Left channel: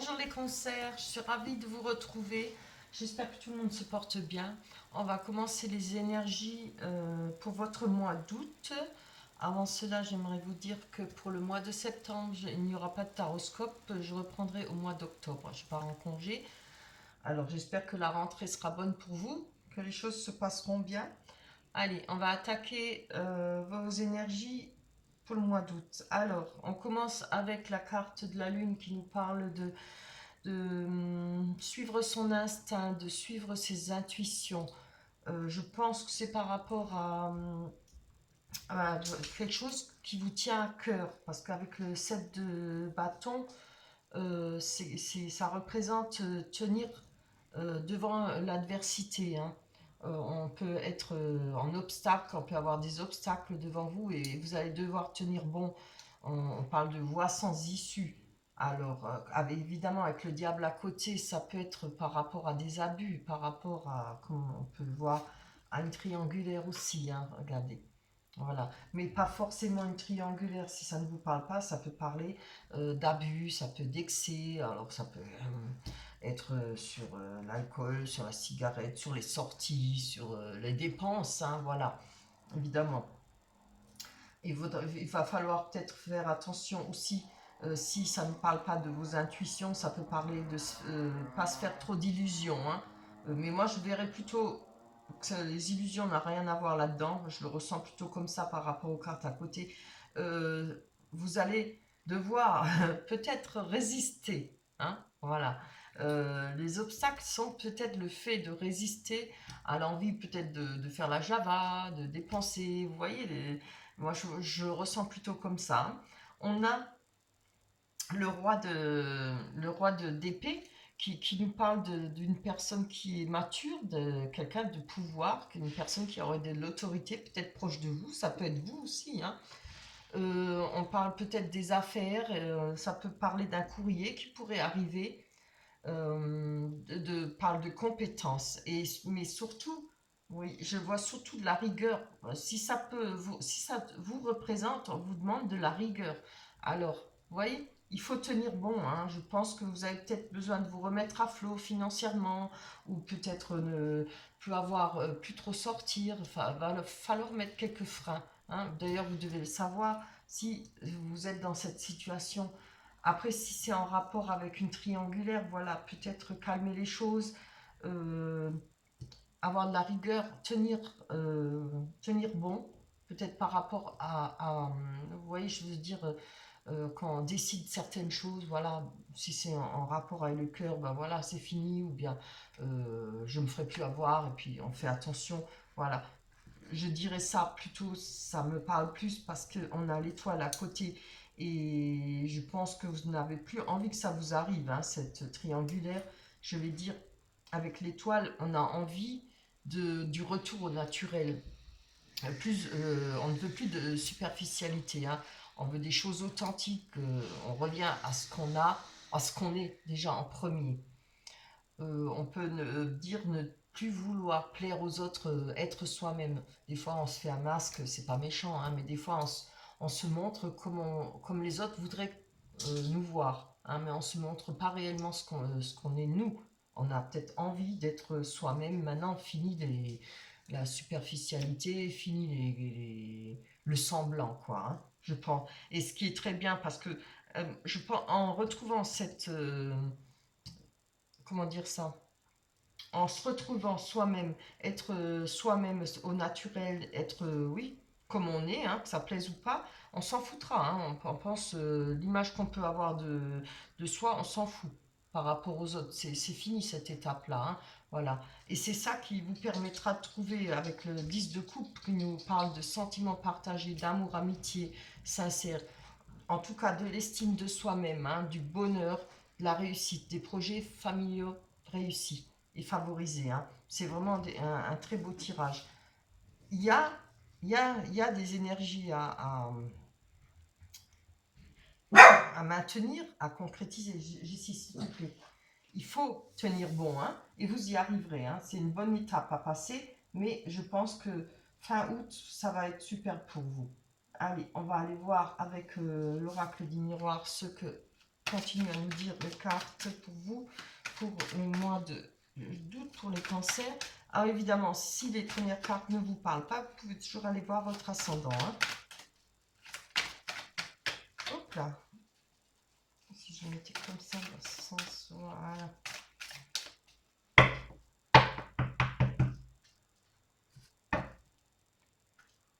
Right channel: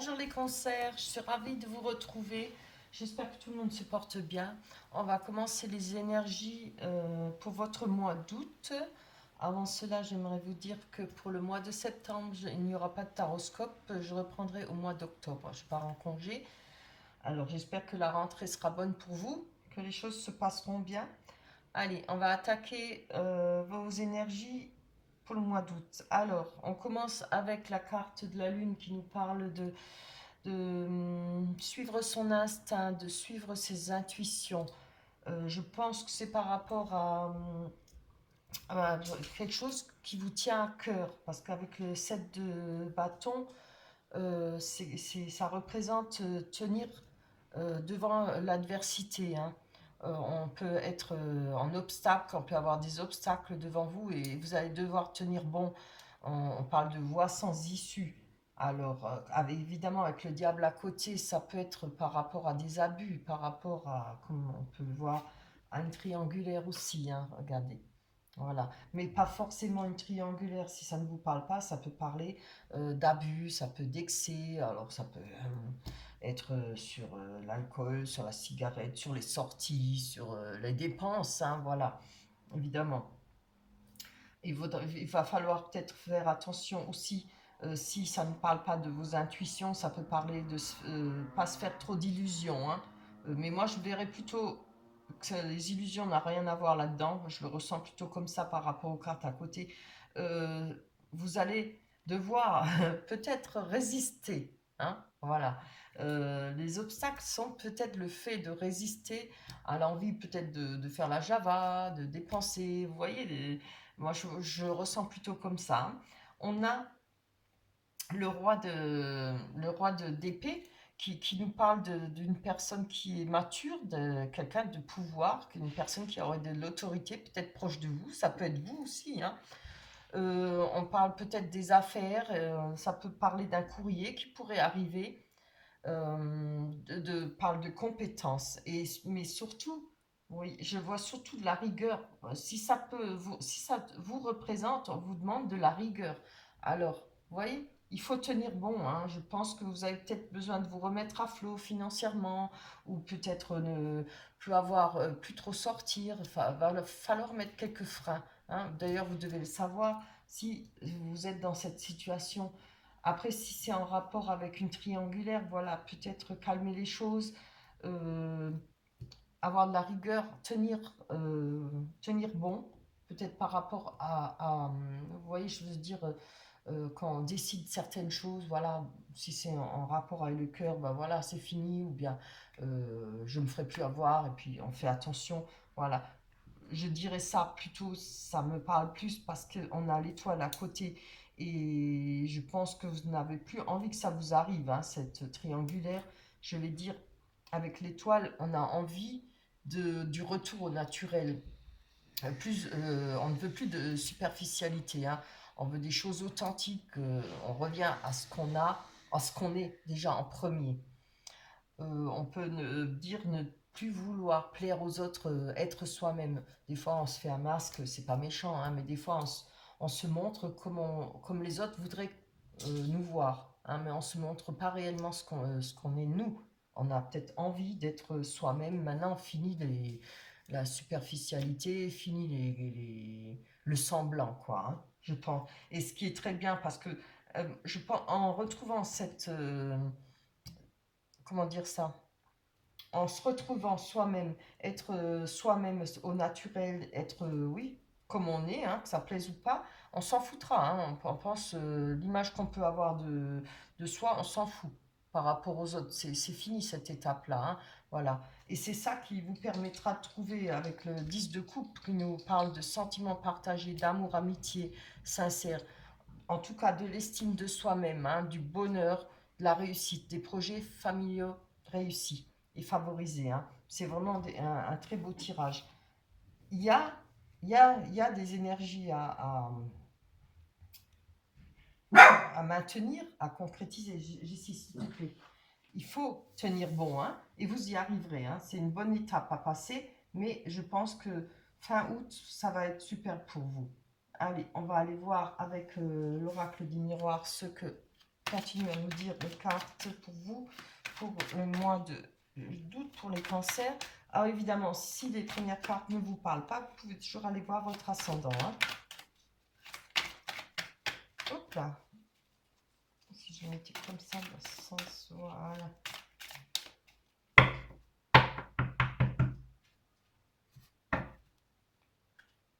Bonjour les concerts, je suis ravie de vous retrouver. J'espère que tout le monde se porte bien. On va commencer les énergies pour votre mois d'août. Avant cela, j'aimerais vous dire que pour le mois de septembre, il n'y aura pas de taroscope. Je reprendrai au mois d'octobre. Je pars en congé. Alors j'espère que la rentrée sera bonne pour vous, que les choses se passeront bien. Allez, on va attaquer vos énergies pour le mois d'août. Alors, on commence avec la carte de la lune qui nous parle de suivre son instinct, de suivre ses intuitions. Je pense que c'est par rapport à quelque chose qui vous tient à cœur, parce qu'avec le 7 de bâton, ça représente tenir devant l'adversité, hein. On peut être en obstacle, on peut avoir des obstacles devant vous et vous allez devoir tenir bon. On parle de voie sans issue. Alors, évidemment, avec le diable à côté, ça peut être par rapport à des abus, par rapport à, comme on peut le voir, à une triangulaire aussi, hein, regardez. Voilà, mais pas forcément une triangulaire. Si ça ne vous parle pas, ça peut parler d'abus, ça peut d'excès. Alors ça peut être sur l'alcool, sur la cigarette, sur les sorties, sur les dépenses, hein, voilà, évidemment. Il va falloir peut-être faire attention aussi. Si ça ne parle pas de vos intuitions, ça peut parler de pas se faire trop d'illusions, hein. Mais moi, je verrais plutôt que les illusions n'ont rien à voir là-dedans. Je le ressens plutôt comme ça par rapport aux cartes à côté. Euh, Vous allez devoir peut-être résister, hein, voilà. Les obstacles sont peut-être le fait de résister à l'envie peut-être de faire la java, de dépenser. Vous voyez, moi je ressens plutôt comme ça. On a le roi de d'épée qui nous parle d'une personne qui est mature, de quelqu'un de pouvoir, une personne qui aurait de l'autorité, peut-être proche de vous, ça peut être vous aussi, hein. On parle peut-être des affaires, ça peut parler d'un courrier qui pourrait arriver, parle de compétences, mais surtout, oui, je vois surtout de la rigueur. Si ça vous représente, on vous demande de la rigueur. Alors, vous voyez, il faut tenir bon, hein. Je pense que vous avez peut-être besoin de vous remettre à flot financièrement, ou peut-être ne plus avoir, plus trop sortir. Enfin, va falloir mettre quelques freins, hein. D'ailleurs, vous devez le savoir si vous êtes dans cette situation. Après, si c'est en rapport avec une triangulaire, voilà, peut-être calmer les choses, euh, avoir de la rigueur, tenir bon, peut-être par rapport vous voyez, je veux dire, quand on décide certaines choses, voilà, si c'est en rapport avec le cœur, ben voilà, c'est fini, ou bien je ne me ferai plus avoir, et puis on fait attention, voilà. Je dirais ça plutôt, ça me parle plus parce qu'on a l'étoile à côté et je pense que vous n'avez plus envie que ça vous arrive, hein, cette triangulaire. Je vais dire, avec l'étoile, on a envie du retour au naturel. On ne veut plus de superficialité, hein. On veut des choses authentiques. On revient à ce qu'on a, à ce qu'on est déjà en premier. On peut dire ne plus vouloir plaire aux autres, être soi-même. Des fois, on se fait un masque, c'est pas méchant, hein, mais des fois, on se montre comme les autres voudraient nous voir, hein, mais on se montre pas réellement ce qu'on est nous. On a peut-être envie d'être soi-même. Maintenant, fini la superficialité, fini le semblant, quoi, hein, je pense. Et ce qui est très bien, parce que je pense, en retrouvant comment dire ça, en se retrouvant soi-même, être soi-même au naturel, être, oui, comme on est, hein, que ça plaise ou pas, on s'en foutra, hein. On pense, l'image qu'on peut avoir de soi, on s'en fout par rapport aux autres. C'est fini cette étape-là, hein, voilà. Et c'est ça qui vous permettra de trouver, avec le 10 de coupe, qui nous parle de sentiments partagés, d'amour, amitié sincère, en tout cas de l'estime de soi-même, hein, du bonheur, de la réussite, des projets familiaux réussis et favorisés, hein. C'est vraiment un très beau tirage. Il y a, il y a des énergies à maintenir, à concrétiser. J'y s'il te plaît. Il faut tenir bon, hein, et vous y arriverez, hein. C'est une bonne étape à passer, mais je pense que fin août, ça va être super pour vous. Allez, on va aller voir avec l'oracle du miroir ce que continue à nous dire les cartes pour vous, pour le mois d'août, pour les cancers. Alors évidemment, si les premières cartes ne vous parlent pas, vous pouvez toujours aller voir votre ascendant. Hein. Hop là. Si je mettais comme ça, dans le sens, voilà.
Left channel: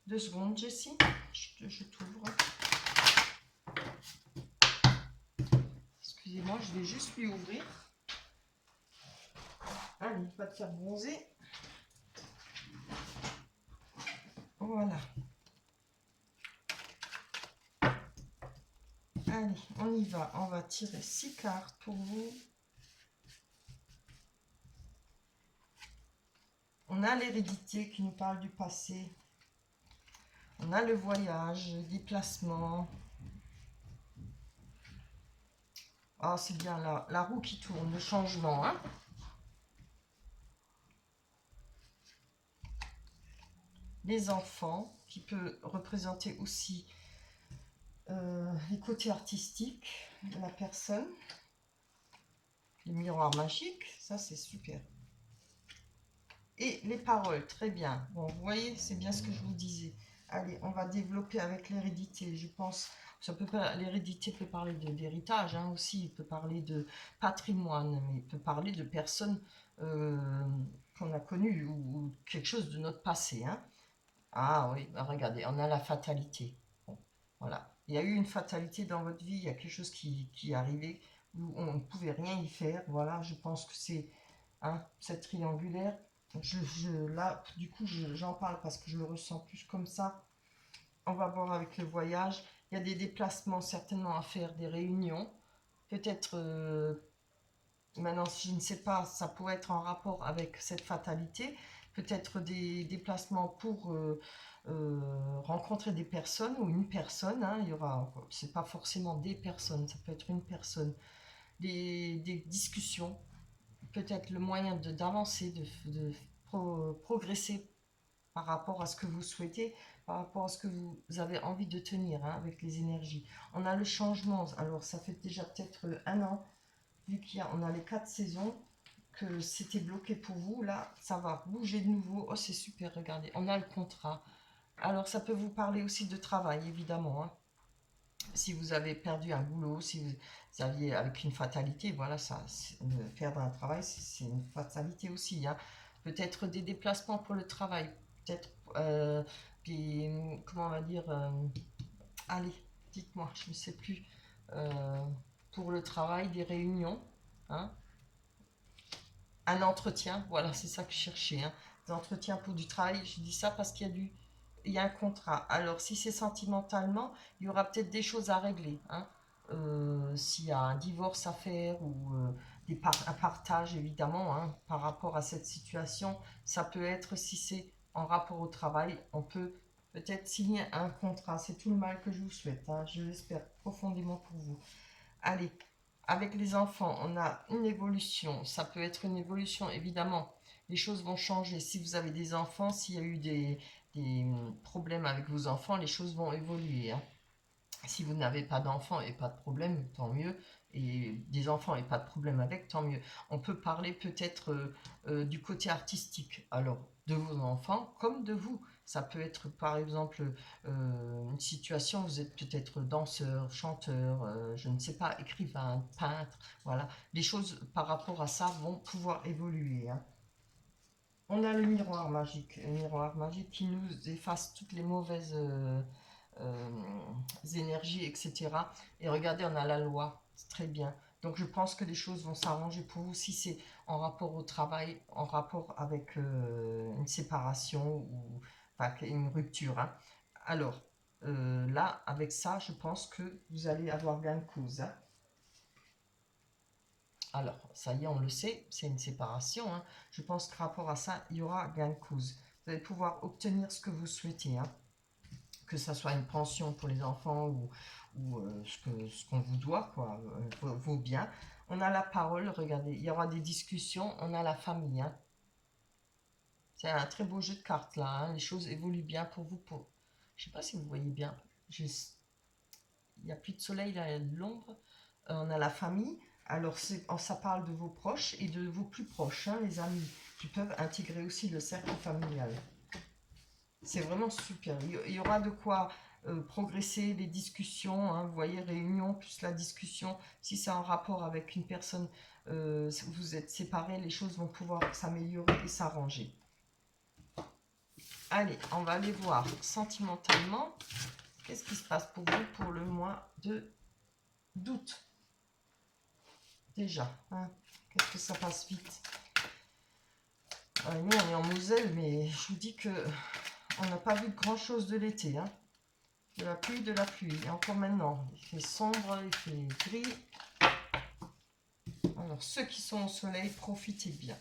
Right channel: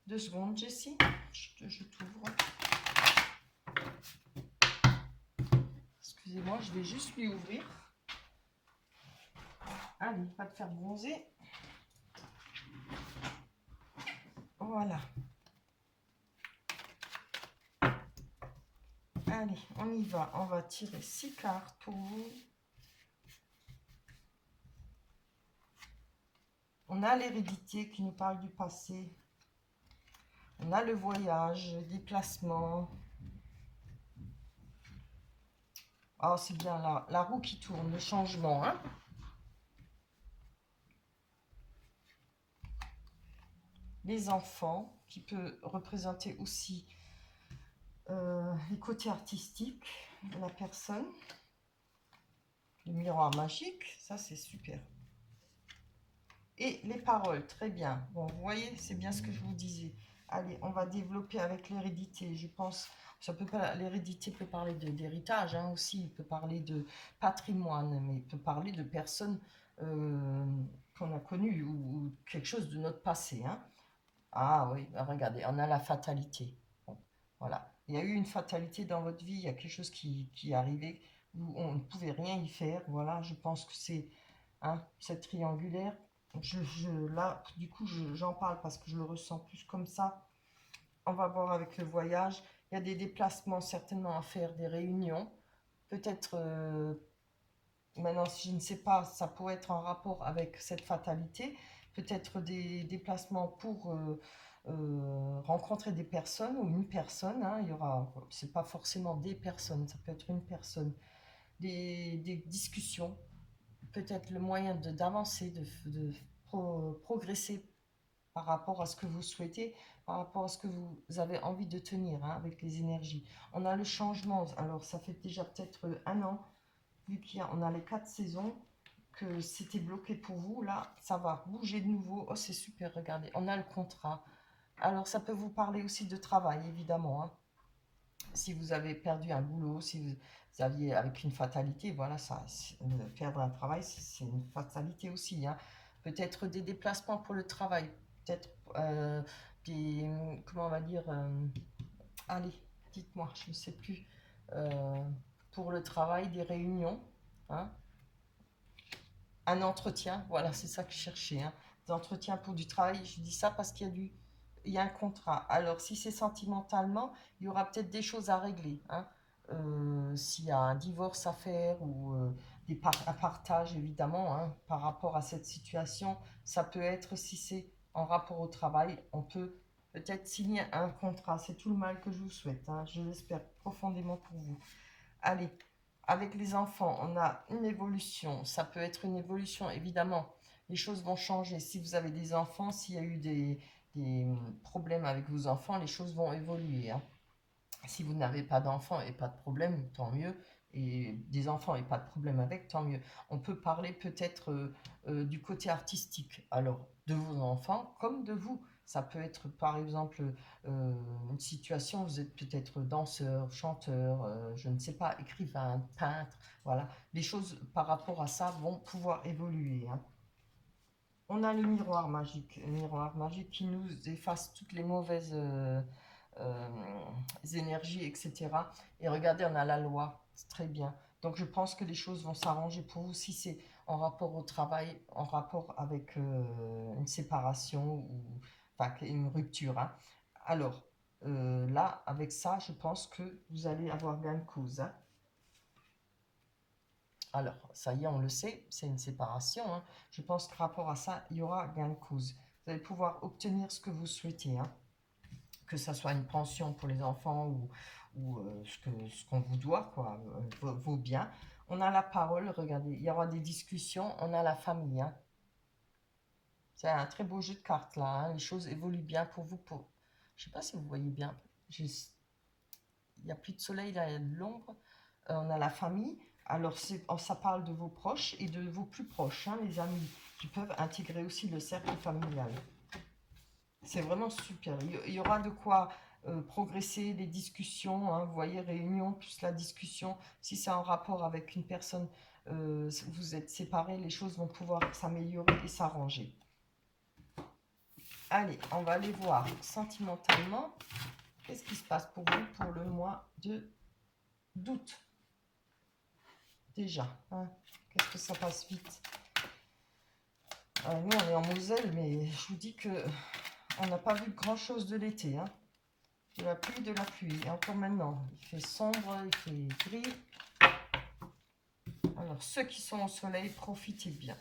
2 secondes, Jessie. Je t'ouvre. Excusez-moi, je vais juste lui ouvrir. Allez, va te faire bronzer. Voilà. Allez, on y va. On va tirer 6 cartes pour vous. On a l'hérédité qui nous parle du passé. On a le voyage, le déplacement. Ah, c'est bien la roue qui tourne, le changement. Hein. Les enfants, qui peut représenter aussi les côtés artistiques de la personne. Les miroirs magiques, ça c'est super. Et les paroles, très bien. Bon, vous voyez, c'est bien ce que je vous disais. Allez, on va développer avec l'hérédité. Je pense, ça peut pas, l'hérédité peut parler d'héritage hein, aussi, il peut parler de patrimoine, mais il peut parler de personnes qu'on a connues ou quelque chose de notre passé. Hein. Ah oui, bah regardez, on a la fatalité. Bon, voilà. Il y a eu une fatalité dans votre vie, il y a quelque chose qui est arrivé où on ne pouvait rien y faire. Voilà, je pense que c'est hein, cette triangulaire. Là, du coup, j'en parle parce que je le ressens plus comme ça. On va voir avec le voyage. Il y a des déplacements certainement à faire, des réunions. Peut-être, maintenant, je ne sais pas, ça pourrait être en rapport avec cette fatalité. Peut-être des déplacements pour rencontrer des personnes ou une personne. Hein, il y aura, c'est pas forcément des personnes, ça peut être une personne. Des discussions, peut-être le moyen d'avancer, de progresser par rapport à ce que vous souhaitez, par rapport à ce que vous avez envie de tenir hein, avec les énergies. On a le changement, alors ça fait déjà peut-être 1 an, vu qu'on a les 4 saisons, que c'était bloqué pour vous, là ça va bouger de nouveau. Oh c'est super, regardez, on a le contrat. Alors ça peut vous parler aussi de travail évidemment, hein. Si vous avez perdu un boulot, si vous aviez avec une fatalité, voilà, ça, perdre un travail, c'est une fatalité aussi. Hein. Peut-être des déplacements pour le travail, peut-être des, comment on va dire, allez, dites-moi, je ne sais plus, pour le travail, des réunions, hein, un entretien, voilà, c'est ça que je cherchais, hein, des entretiens pour du travail, je dis ça parce qu'il y a il y a un contrat. Alors, si c'est sentimentalement, il y aura peut-être des choses à régler. Hein. S'il y a un divorce à faire ou un partage, évidemment, hein, par rapport à cette situation, ça peut être, si c'est en rapport au travail, on peut peut-être signer un contrat. C'est tout le mal que je vous souhaite. Hein. Je l'espère profondément pour vous. Allez, avec les enfants, on a une évolution. Ça peut être une évolution, évidemment. Les choses vont changer. Si vous avez des enfants, s'il y a eu des problèmes avec vos enfants, les choses vont évoluer. Hein. Si vous n'avez pas d'enfants et pas de problème, tant mieux. Et des enfants et pas de problème avec, tant mieux. On peut parler peut-être du côté artistique. Alors, de vos enfants comme de vous. Ça peut être par exemple une situation, vous êtes peut-être danseur, chanteur, je ne sais pas, écrivain, peintre. Voilà. Les choses par rapport à ça vont pouvoir évoluer. Hein. On a le miroir magique qui nous efface toutes les mauvaises énergies, etc. Et regardez, on a la loi, c'est très bien. Donc je pense que les choses vont s'arranger pour vous si c'est en rapport au travail, en rapport avec une séparation ou enfin, une rupture. Hein. Alors là, avec ça, je pense que vous allez avoir gain de cause. Hein. Alors, ça y est, on le sait, c'est une séparation. Hein. Je pense que rapport à ça, il y aura gain de cause. Vous allez pouvoir obtenir ce que vous souhaitez. Hein. Que ça soit une pension pour les enfants ou ce qu'on vous doit, quoi, vos biens. On a la parole, regardez, il y aura des discussions, on a la famille. Hein. C'est un très beau jeu de cartes là, hein. Les choses évoluent bien pour vous. Je ne sais pas si vous voyez bien, il n'y a plus de soleil, là, il y a de l'ombre. On a la famille. Alors, ça parle de vos proches et de vos plus proches, hein, les amis, qui peuvent intégrer aussi le cercle familial. C'est vraiment super. Il y aura de quoi progresser, les discussions, hein, vous voyez, réunion plus la discussion. Si c'est en rapport avec une personne, si vous êtes séparés, les choses vont pouvoir s'améliorer et s'arranger. Allez, on va aller voir sentimentalement. Qu'est-ce qui se passe pour vous pour le mois d'août? Déjà, hein, qu'est-ce que ça passe vite. Nous, on est en Moselle, mais je vous dis que on n'a pas vu grand-chose de l'été. Hein. De la pluie, de la pluie. Et encore maintenant, il fait sombre, il fait gris. Alors, ceux qui sont au soleil, profitez bien.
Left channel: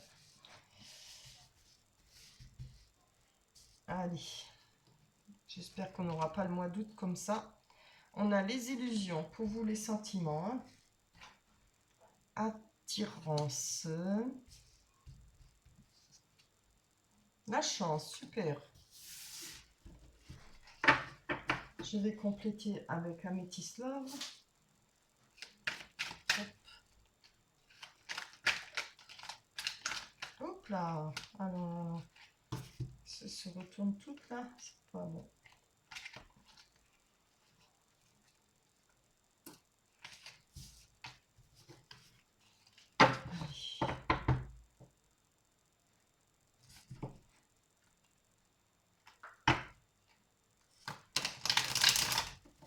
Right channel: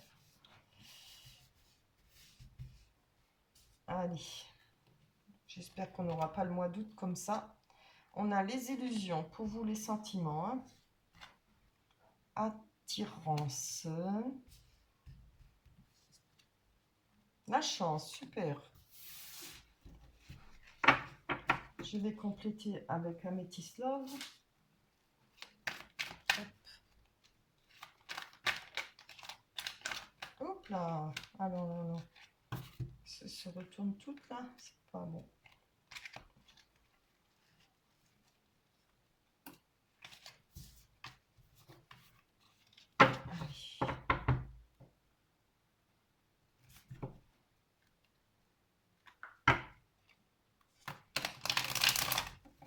Allez, j'espère qu'on n'aura pas le mois d'août comme ça. On a les illusions, pour vous les sentiments. Hein. Attirance. La chance, super. Je vais compléter avec Amethyst Love. Hop. Hop là. Ah non, non, non. Ça se retourne tout là. C'est pas bon.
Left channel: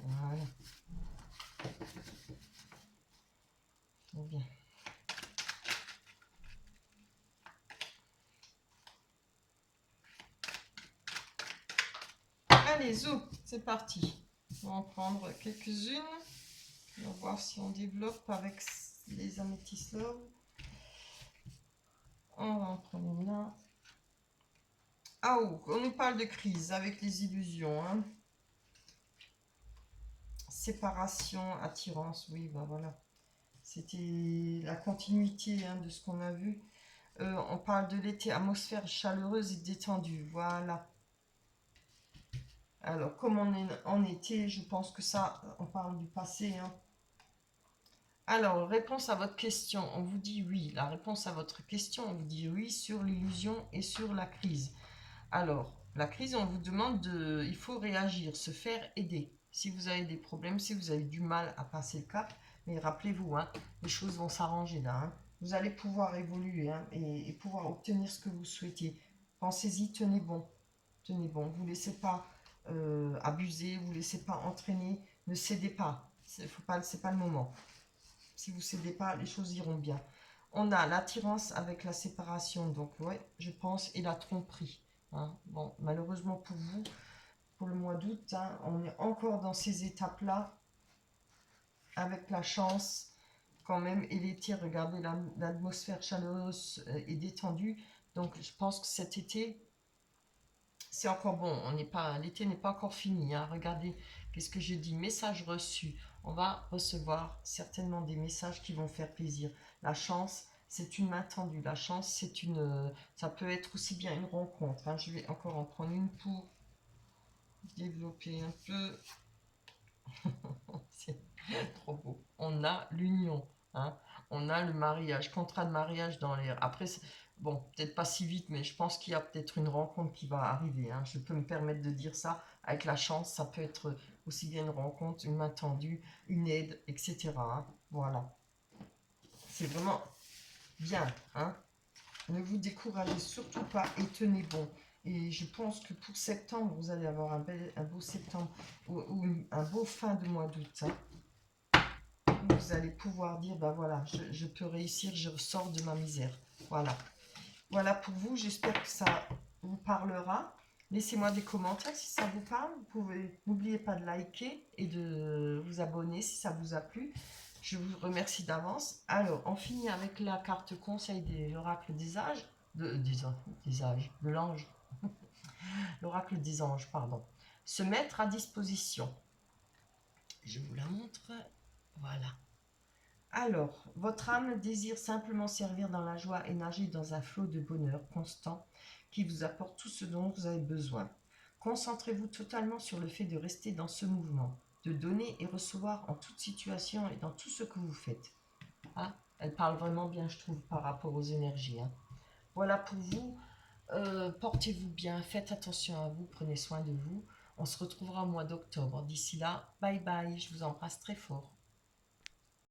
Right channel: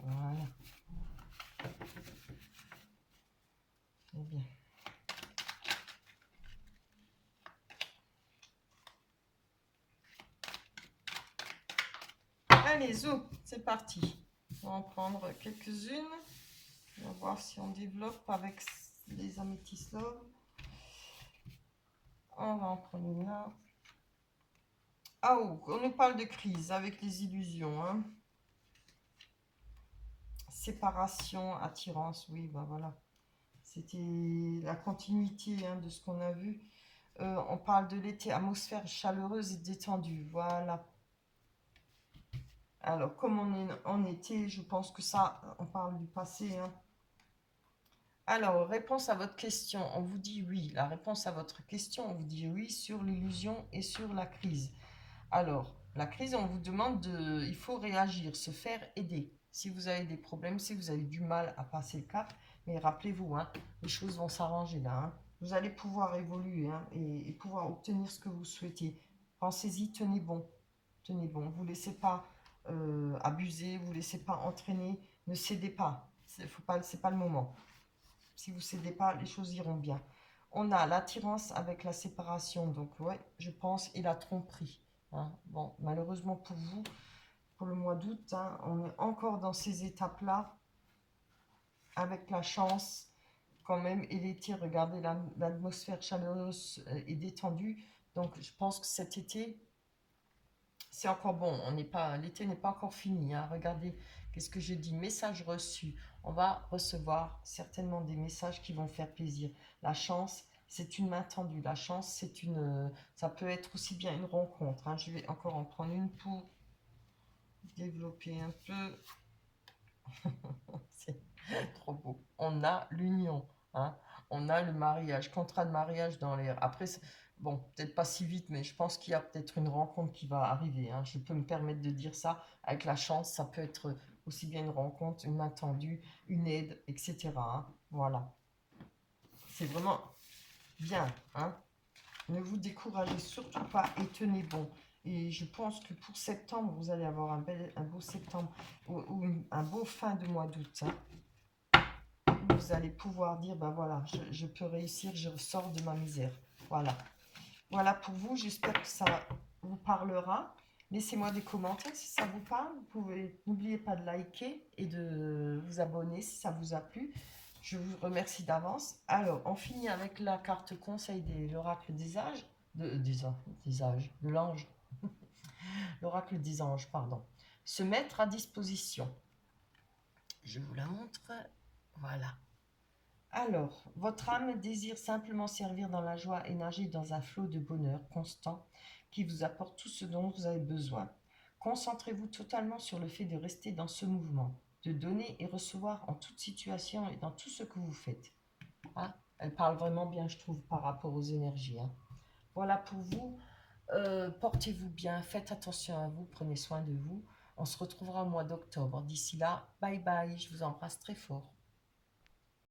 Voilà. C'est bien. Allez, zo, c'est parti. On va en prendre quelques-unes. On va voir si on développe avec les Amethyst Love. On va en prendre une là. Ah oh, on nous parle de crise avec les illusions. Hein. Séparation, attirance, oui, bah voilà. C'était la continuité hein, de ce qu'on a vu. On parle de l'été, atmosphère chaleureuse et détendue, voilà. Alors, comme on est en été, je pense que ça, on parle du passé. Hein. Alors, réponse à votre question, on vous dit oui. La réponse à votre question, on vous dit oui sur l'illusion et sur la crise. Alors, la crise, on vous demande de... Il faut réagir, se faire aider. Si vous avez des problèmes, si vous avez du mal à passer le cap, mais rappelez-vous, hein, les choses vont s'arranger là. Hein. Vous allez pouvoir évoluer hein, et pouvoir obtenir ce que vous souhaitez. Pensez-y, tenez bon. Tenez bon, vous ne laissez pas abuser, vous ne laissez pas entraîner, ne cédez pas. C'est pas le moment. Si vous ne cédez pas, les choses iront bien. On a l'attirance avec la séparation, donc ouais, je pense, et la tromperie. Hein. Bon, malheureusement pour vous, pour le mois d'août, hein, on est encore dans ces étapes-là, avec la chance quand même, et l'été, regardez, l'atmosphère chaleureuse et détendue. Donc je pense que cet été, c'est encore bon, l'été n'est pas encore fini. Hein. Regardez, qu'est-ce que je dis? Message reçu. On va recevoir certainement des messages qui vont faire plaisir. La chance, c'est une main tendue. La chance, ça peut être aussi bien une rencontre. Hein. Je vais encore en prendre une pour développer un peu. C'est trop beau. On a l'union. Hein. On a le mariage, contrat de mariage dans l'air. Après, bon, peut-être pas si vite, mais je pense qu'il y a peut-être une rencontre qui va arriver. Hein. Je peux me permettre de dire ça. Avec la chance, ça peut être aussi bien une rencontre, une main tendue, une aide, etc. Hein. Voilà. C'est vraiment bien. Hein. Ne vous découragez surtout pas et tenez bon. Et je pense que pour septembre, vous allez avoir un beau septembre ou un beau fin de mois d'août. Hein. Vous allez pouvoir dire, ben voilà, je peux réussir, je sors de ma misère. Voilà. Voilà pour vous, j'espère que ça vous parlera. Laissez-moi des commentaires si ça vous parle. Vous pouvez, n'oubliez pas de liker et de vous abonner si ça vous a plu. Je vous remercie d'avance. Alors, on finit avec la carte conseil de l'oracle des âges, de l'ange. L'oracle des anges, pardon. Se mettre à disposition. Je vous la montre. Voilà. Alors, votre âme désire simplement servir dans la joie et nager dans un flot de bonheur constant qui vous apporte tout ce dont vous avez besoin. Concentrez-vous totalement sur le fait de rester dans ce mouvement. de donner et recevoir en toute situation et dans tout ce que vous faites. Hein, elle parle vraiment bien, je trouve, par rapport aux énergies. Hein. Voilà pour vous. Portez-vous bien, faites attention à vous, prenez soin de vous. On se retrouvera au mois d'octobre. D'ici là, bye bye, je vous embrasse très fort.